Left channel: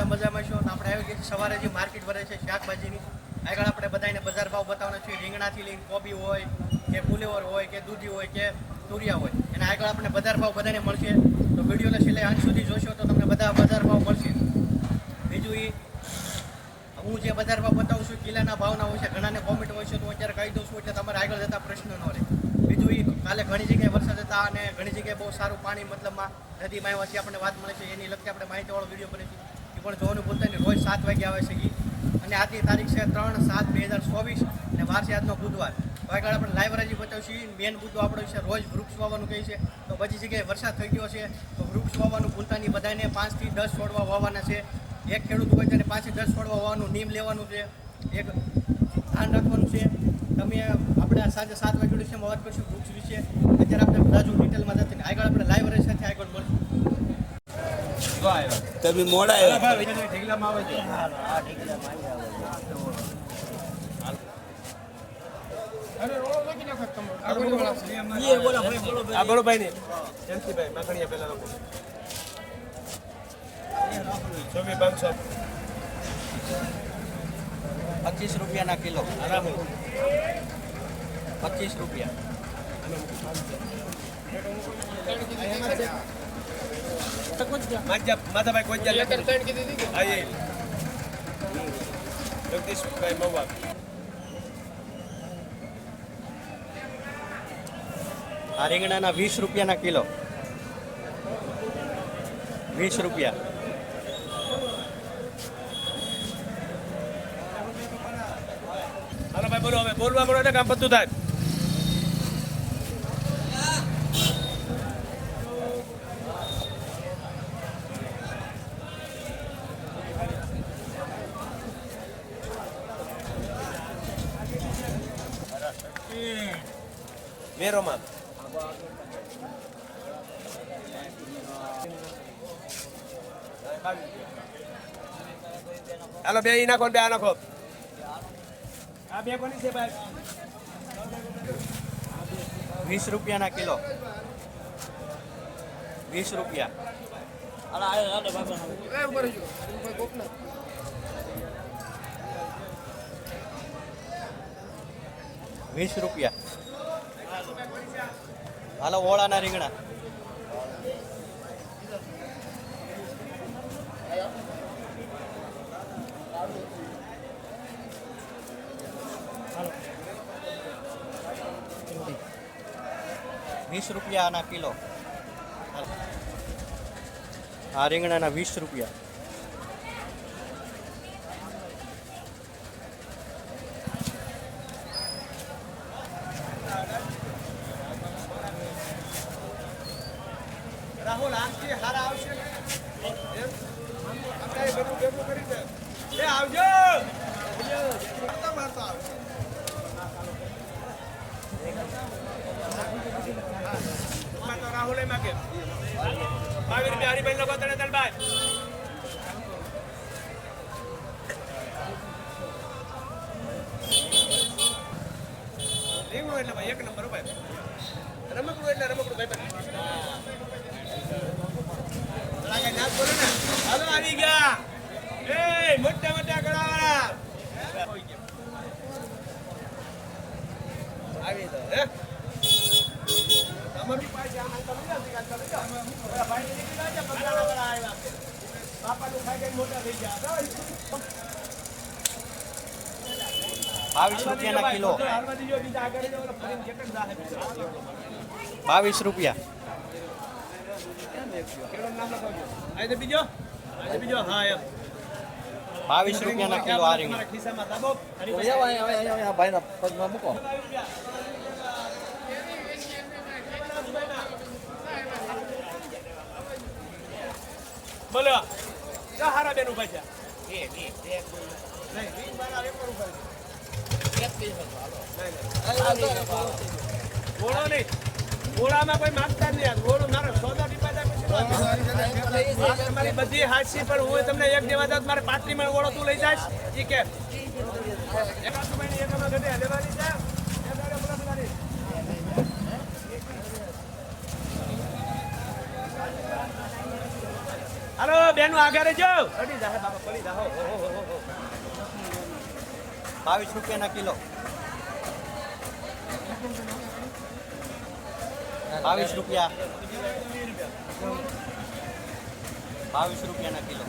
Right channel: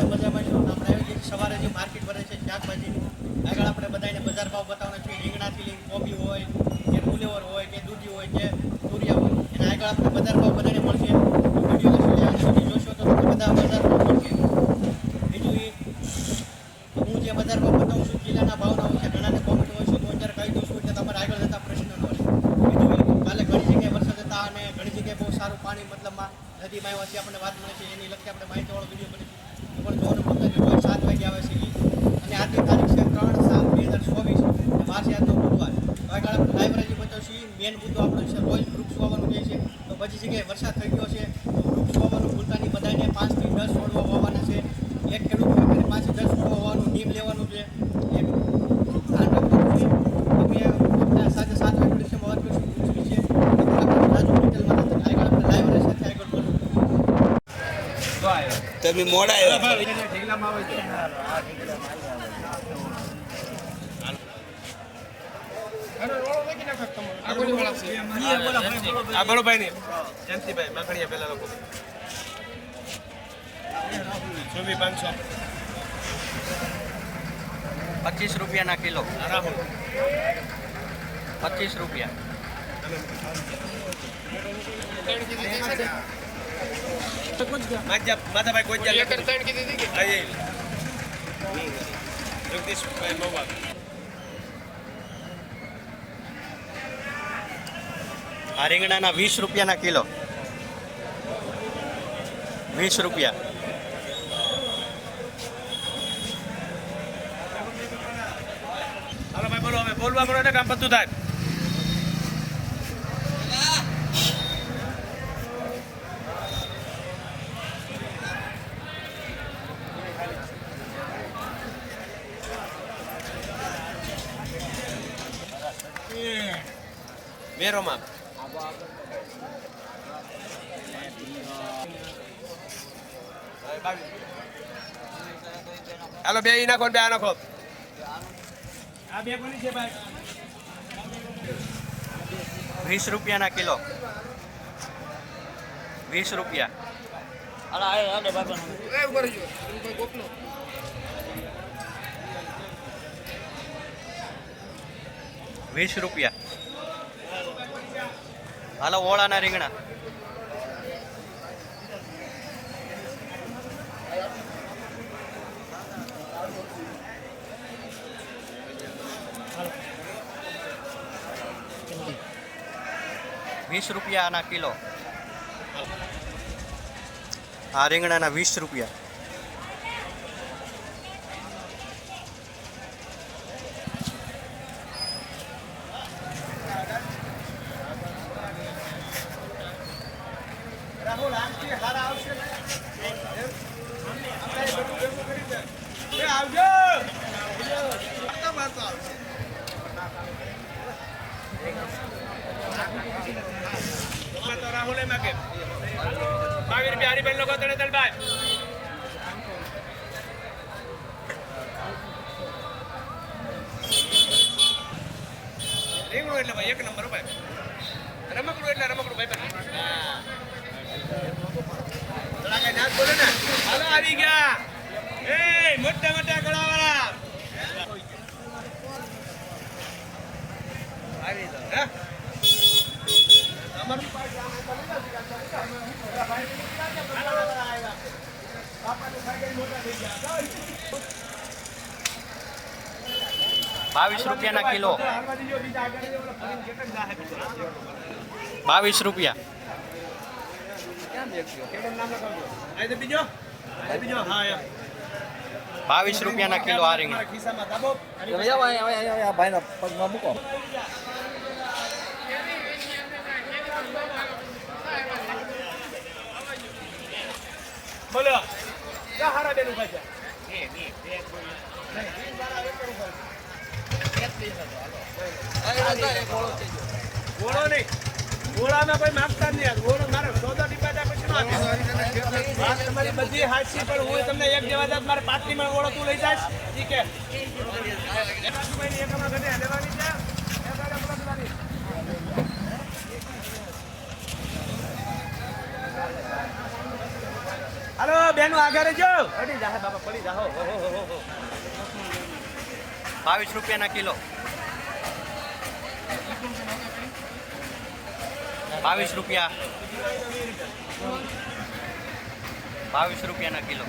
બધા મજામાં છો. આપણે આવ્યું છે સવારે જે માર્કેટ ભરે છે શાકભાજીની. આગળ આપણે બધાને બજાર ભાવ બતાવવાના છે. રીંગણાથી લઈને કોબી હોય કે ફુલેવર હોય કે દૂધી હોય કે તુરિયા હોય, એના આગળ આપણે બજાર ભાવ બધાને મળશે. તો વિડીયોને છેલ્લે અંત સુધી જોશો તો તમને બધા બજાર ભાવ મળશે. બીજું એ હું જે બજાર ભાવ બતાવું છું કિલ્લાના ભાવના હોય છે. ઘણાને કોમેન્ટ હોય છે તો હું અત્યારે કહી દઉં છું એટલે તમારે આગળ જતા પ્રશ્ન ન રહે. બીજું એ કાલે ઘણી જગ્યાએ વરસાદ હતા અને ઘણી જગ્યાએ બહુ સારું પાણી મતલબમાં નદીમાં આવ્યાથી આપણને વાત મળે છે. એની લગતી આપણે માહિતીવાળો વિડીયો બને છે એ પણ જોવાનું ભૂલતા નહીં. રોજ 7 વાગે આવે છે એ. અને આજની તારીખ છે 3/7/2024 અને વાર છે આજનો બુધવાર. તો આગળ આપણે લાઈવ રાજી બતાવશું. મેન મુદ્દો આપણો છે રોજ વૃક્ષ વાવવાનું કહે છે. તો બધી જગ્યાએ વરસાદ થઈ ગયો છે તો વૃક્ષ વાવવાનું ભૂલતા નહીં. બધાને 5 થી 10 છોડવા વાવવાના છે. એક ખેડૂત હોય ત્યારે 5 થી 10 છોડવા વાવવાનું નીમ લેવાનું છે. એક ધ્યાન રાખવાનું છે. તમે આપણે સાંજે 7 વાગે વિડીયોમાં વાત કરીશું વૃક્ષ વિશે. અત્યારે આપણે રાજુ ડિટેલમાં નથી. આગળ આપણે લાઈવ રહી સાથે આગળ બોલું. તમે મોડા આવ્યા ઢીગલામાં આવે છે. આ બળોભાઈ ની જયંતિભાઈ માખણીયા પેલા લોકો 24,500 ₹25 કિલો. 25 રૂપિયા. માધાભાઈ કોઈ જગદીશભાઈ મહુવા આ રીંગણાના 20 રૂપિયાના કિલો. 20 રૂપિયા. હાલો ભાઈ બોલો, હવે બોલવા મળો એટલે કામ બધું થાય. મેરોમાં હાલો બે નાખો બે આ નાખો. આ બે કોની છે ભાઈ? 20 રૂપિયાના કિલો. 20 રૂપિયા. 20 રૂપિયા. હાલો ઓળાના રીંગણા. ₹20 કિલો. આ રીંગણાના 20 રૂપિયા. રાહુલ આમથી હારા આવશે આવજો. રાહુલ એમાં કે 22 રૂપિયા હરિબેન લોકો તને તલભાઈ રીંગણું એટલે ભાઈ 1 નંબર ભાઈ. રમકડું એટલે રમકડું ભાઈ. હાલો આવી ગયા. એ મોટા મોટા ગળા આવી તો હે અમારું પાસે આમ તો લઈ જાવ ભાઈ બાપા તો ભાઈ મોટા થઈ ગયા. 22 રૂપિયાના કિલો. 22 રૂપિયા. બીજો હા એમ 22 રૂપિયાના કિલો આ રીંગણા. બોલો ક્યાં હારા બેન ઉભા છે? ગોળો નહીં, ગોળામાં કોઈ માગતા નહીં. ગોળો મારે સોદા ટીપા જાય પછી બધી હાથસી પણ હું તમને એક જેવા જાત મારે પાટલીમાં ગોળો તું લઈ જાય ઠીક હે. હાલો બેનો આગળ રહેજો. પડી જા બાબા, પડી જા. 22 રૂપિયાના કિલો. 22 રૂપિયા. 22 રૂપિયાના કિલો.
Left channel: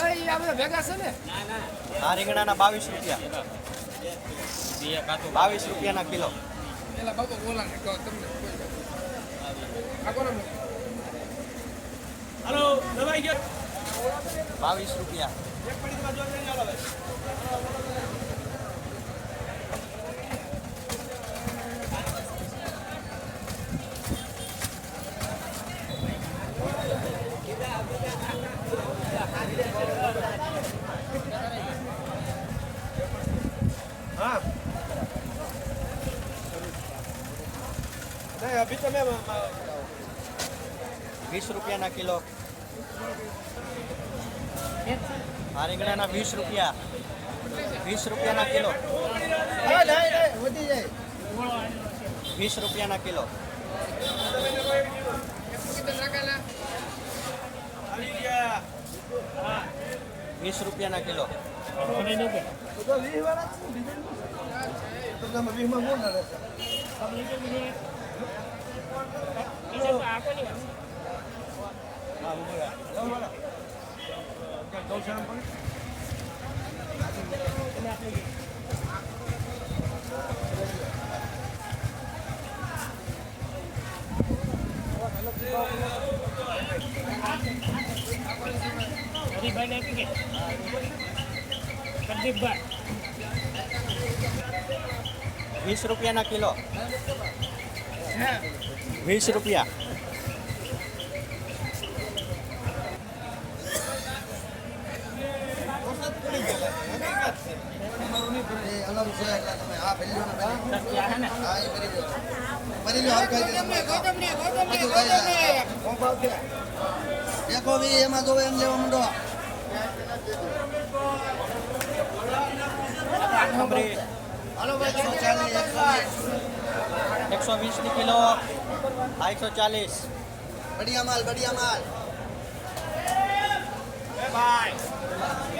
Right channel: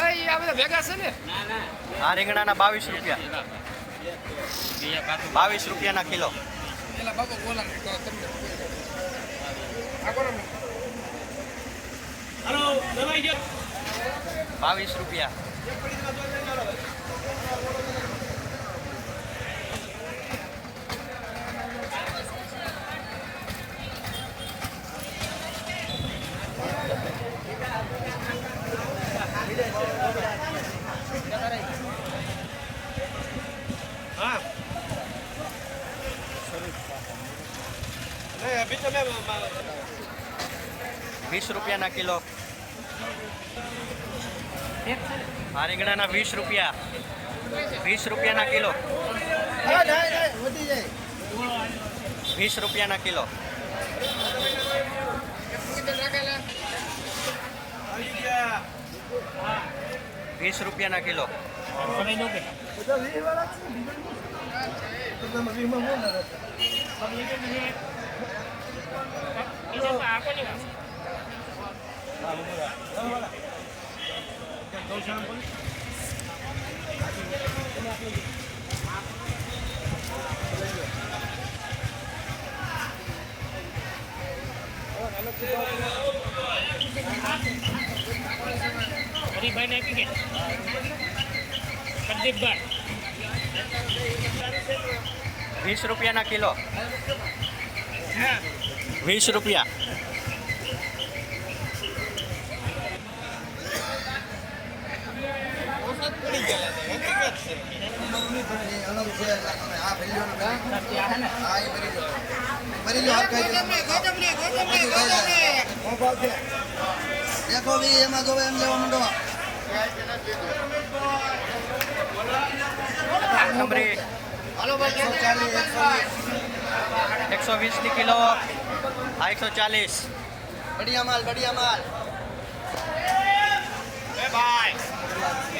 આ બધા ભેગા છે ને? આ રીંગણાના 22 રૂપિયા. 22 રૂપિયાના કિલો. હાલો, દવાઈ ગયો. 22 રૂપિયા. અભી તમે 20 રૂપિયાના કિલો. આ રીંગણાના 20 રૂપિયા. 20 રૂપિયાના કિલો. 20 રૂપિયાના કિલો. 20 રૂપિયાના કિલો. હરીભાઈને આપી કે પ્રદીપભાઈ 20 રૂપિયાના કિલો. 20 રૂપિયા. देखो भी एम जो एम लेवा मंडो નંબરી 120 ની કિલો. આ 140. बढ़िया माल એ ભાઈ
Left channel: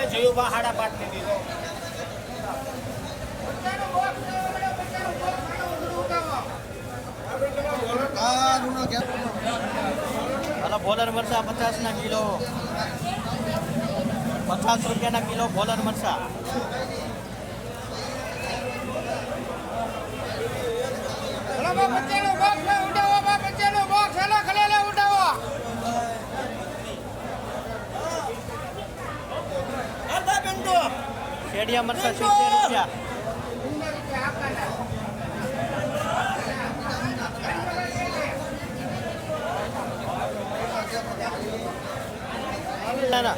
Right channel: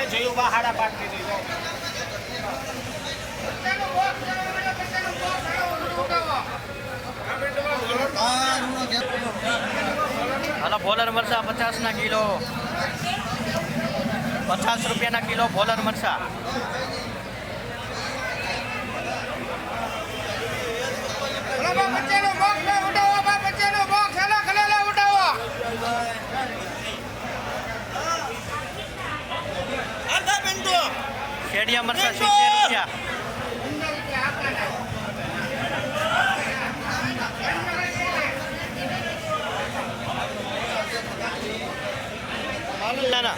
એ જયું બા હાડા પાક ની દીધો. હાલો, બોલર મરચા 50 ના કિલો. 50 રૂપિયાના કિલો બોલર મરચા. શેડિયા મરચા 70 રૂપિયા. ના ના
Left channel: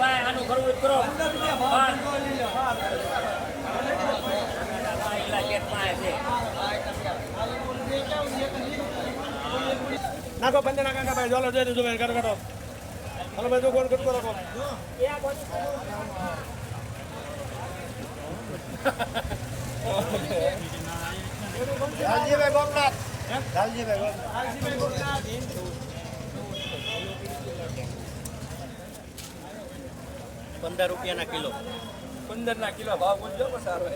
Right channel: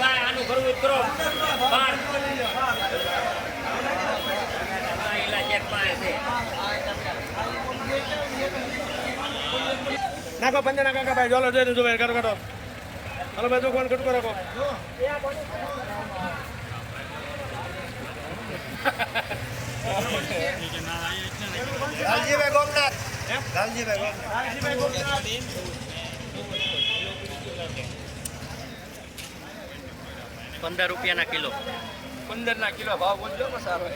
ભાઈ આનું કરવું કરો નાખો 15 ના કાકા ભાઈ જોલો દે દો ભાઈ કરો કરો. હાલો ભાઈ, તો કોણ કટકો રાખો. लालजी भाई गोमनाथ लालजी भाई 15 રૂપિયાના કિલો. 15 ના કિલો ભાવ બોલજો બસ આવે.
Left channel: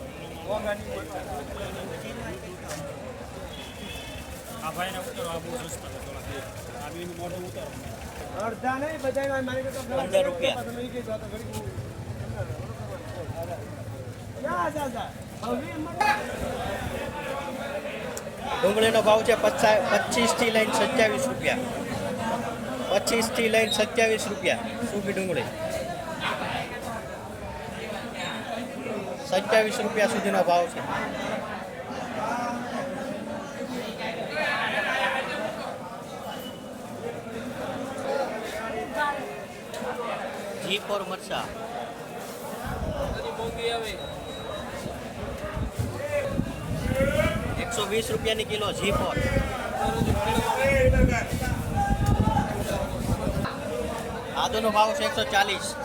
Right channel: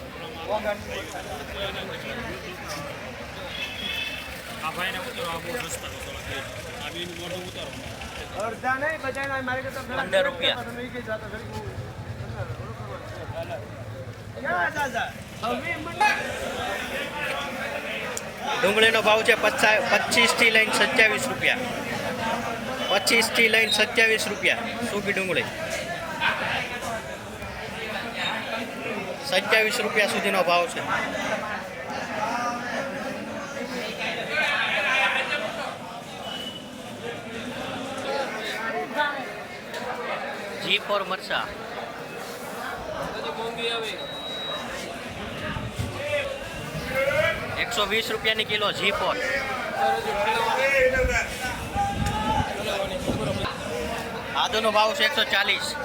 અડધા નહીં બધા મારી કરતા 15 રૂપિયા. તમે કઈ જાતો ઘડી ક્યાં જાતા ડુંગળીનો ભાવ છે 25 થી લઈને 27 રૂપિયા. 25 થી લઈને 27 રૂપિયા સૂકી ડુંગળી. 27 રૂપિયા સુધીનો ભાવ છે. G4 મરચા. મોંઘી આવી 120 રૂપિયાની કિલો G4. આદુનો ભાવ છે 140.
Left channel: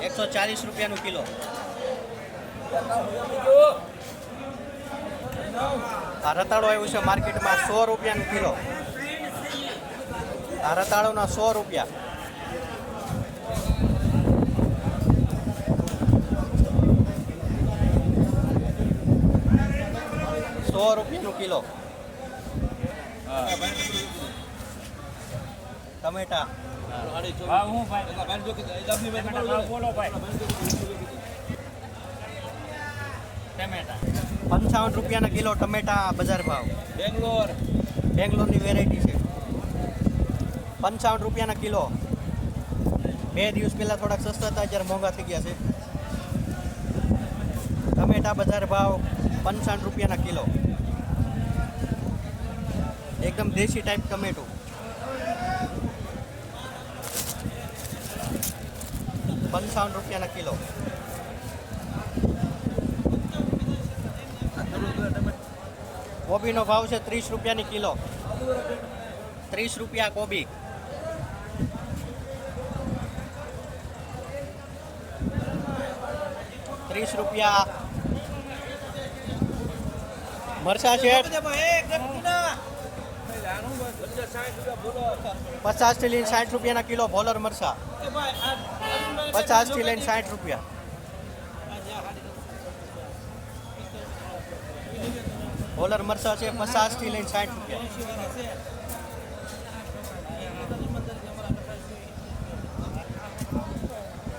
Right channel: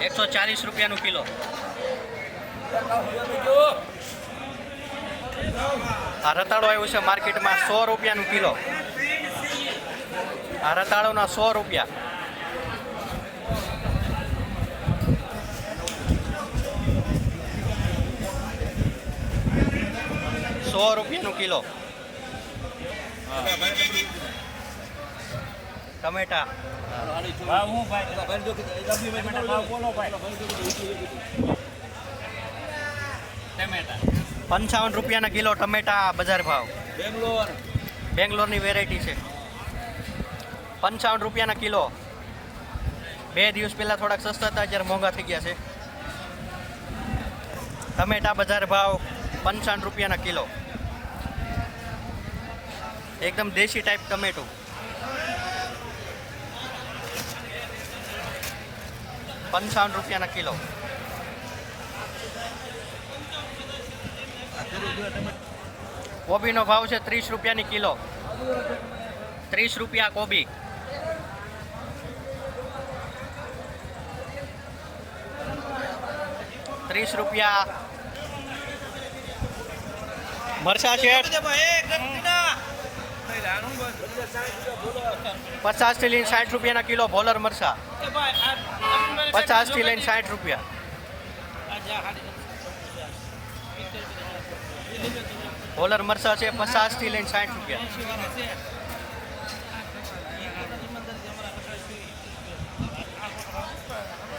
140 રૂપિયાનું કિલો. આ રતાળો આવ્યું છે માર્કેટમાં 100 રૂપિયાનું કિલો. આ રતાળોના 100 રૂપિયા. ₹100 કિલો. ટમેટા ભાવ હું ભાઈ ટમેટા ભાવ બોલો ભાઈ ટમેટા 55 રૂપિયાના કિલો ટમેટા બજાર ભાવ. બેંગ્લોરની વેરાયટી છે. 55 રૂપિયાના કિલો. 2 દિવસ પહેલા થોડાક સસ્તા હતા, અત્યારે મોંઘા થઈ ગયા છે. ટમેટા બજાર ભાવ 55 રૂપિયાના કિલો. એકદમ દેશી ટાઈપ ટમેટું. ₹55 કિલો. કોબીનો ભાવ છે 30 રૂપિયાની કિલો. 30 રૂપિયા કોબી. ₹30 મરચા છે 50 થી લઈને 60 રૂપિયાના કિલો ભોલર મરચા. 50 થી લઈને 60 રૂપિયા. ભોલર મરચા છે 50 થી લઈને 60 રૂપિયા.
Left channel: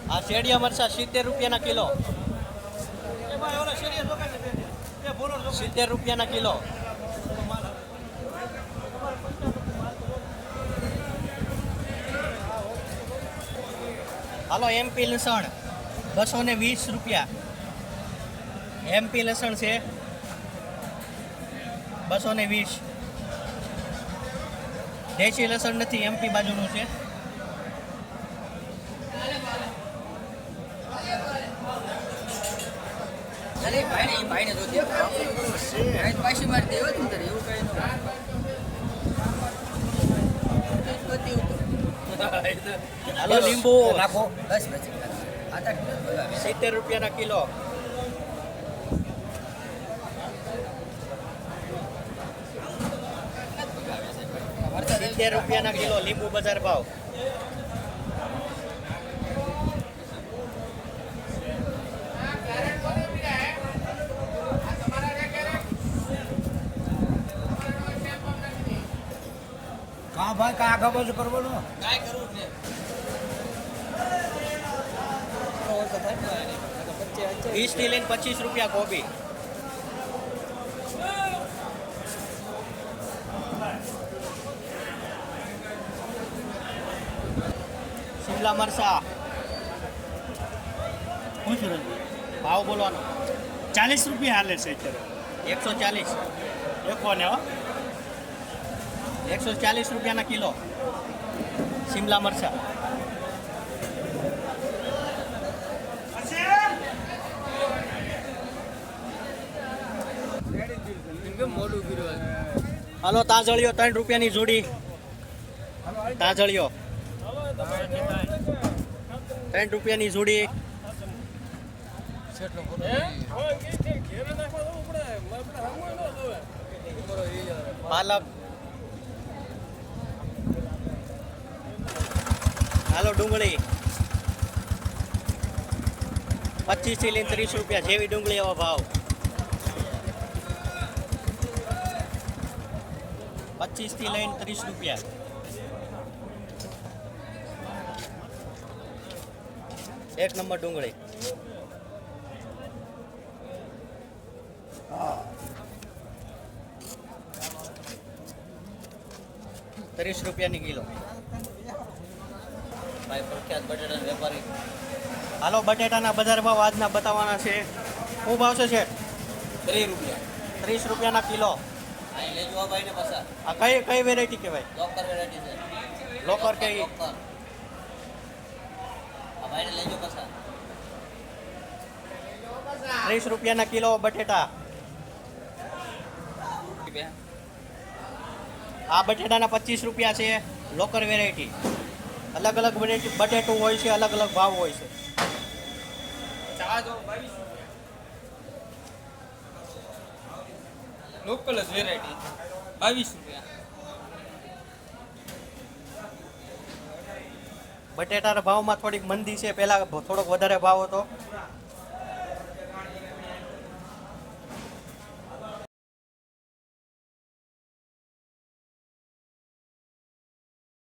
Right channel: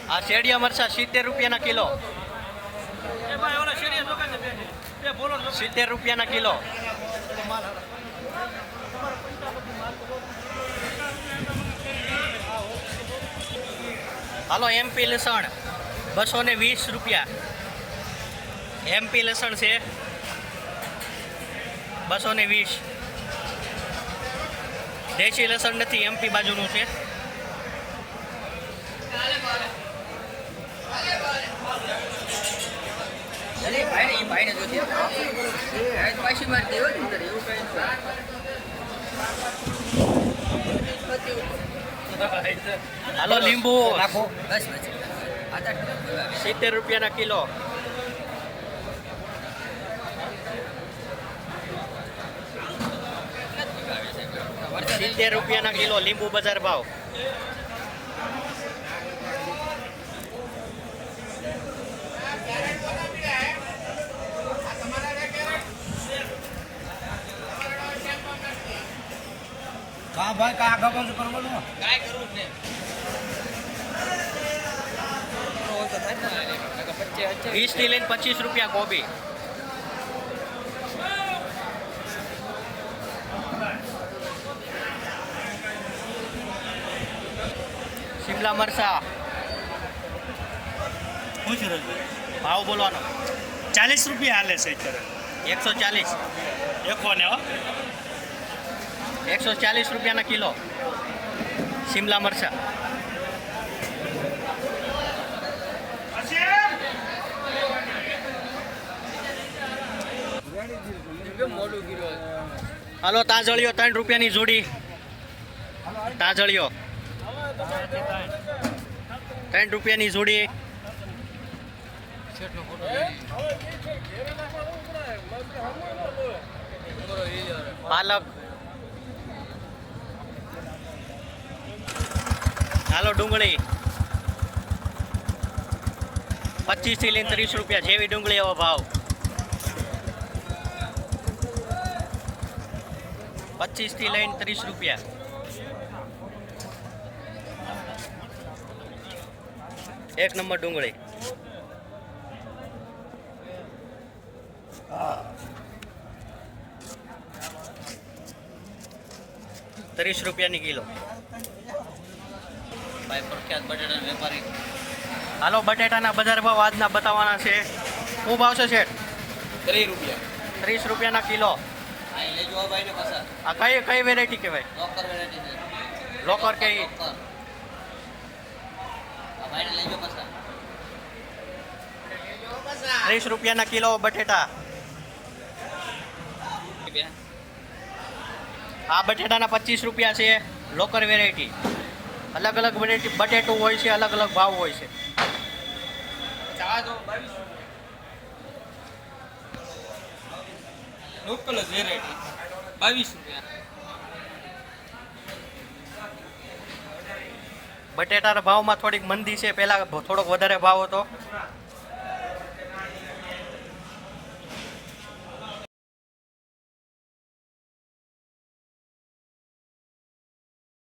આ શેડિયા મરચા 70 રૂપિયાના કિલો. 70 રૂપિયાના કિલો. હાલો MP લસણ 220 રૂપિયા. MP લસણ છે 220. દેશી લસણ નથી, MP બાજુનું છે. હાલો લીંબુ 70 રૂપિયાના કિલો. ₹70 કિલો લીંબુ બજાર ભાવ. હા ભાઈ કયા ખબર કરવાનું 20 થી લઈને 25 રૂપિયા કોબી. શિમલા મરચા ભાવ બોલવાનો 40 રૂપિયા હાલે છે અત્યારે 140. એકો ને હો 140 રૂપિયાના કિલો શિમલા મરચા. હાલો તાજળીઓ 3 રૂપિયાની જોડી. તાજળીઓ 3 રૂપિયાની જોડી. પાલક. હાલો ડુંગળી 25 થી લઈને 30 રૂપિયા. જેવી ડુંગળી એવો ભાવ. 25 થી લઈને 30 રૂપિયા. એક નંબર ડુંગળી. ₹30 કિલો. ભાઈ પ્રખ્યાત બટેટાના વેપારી. હાલો બટેટાના બજાર ભાવ આજના બતાવવાના છે. શું ભાવ છે શેઠ? 30 રૂપિયા. ₹30 કિલો. અહીં લઈ જવા ભાઈને પસાર. આ કઈ વેરાયટી કહેવાય? લોકર વેરાયટી છે. લોકર કે આ ભાઈને લઈ જાઓ પસાર. ₹30 કિલો બટેટા. વેરાયટી બે આ બટેટાના 25 રૂપિયા છે લોકર વેરાયટી. અલગ અલગ વેરાયટી બટેટું હોય છે, અલગ અલગ ભાવ હોય છે. ચા જો 22 લોકલ જ વેરાયટી 22 રૂપિયા. બટેટાના ભાવમાં થોડીક મંદી છે, પહેલા થોડોક વધારે ભાવ હતો.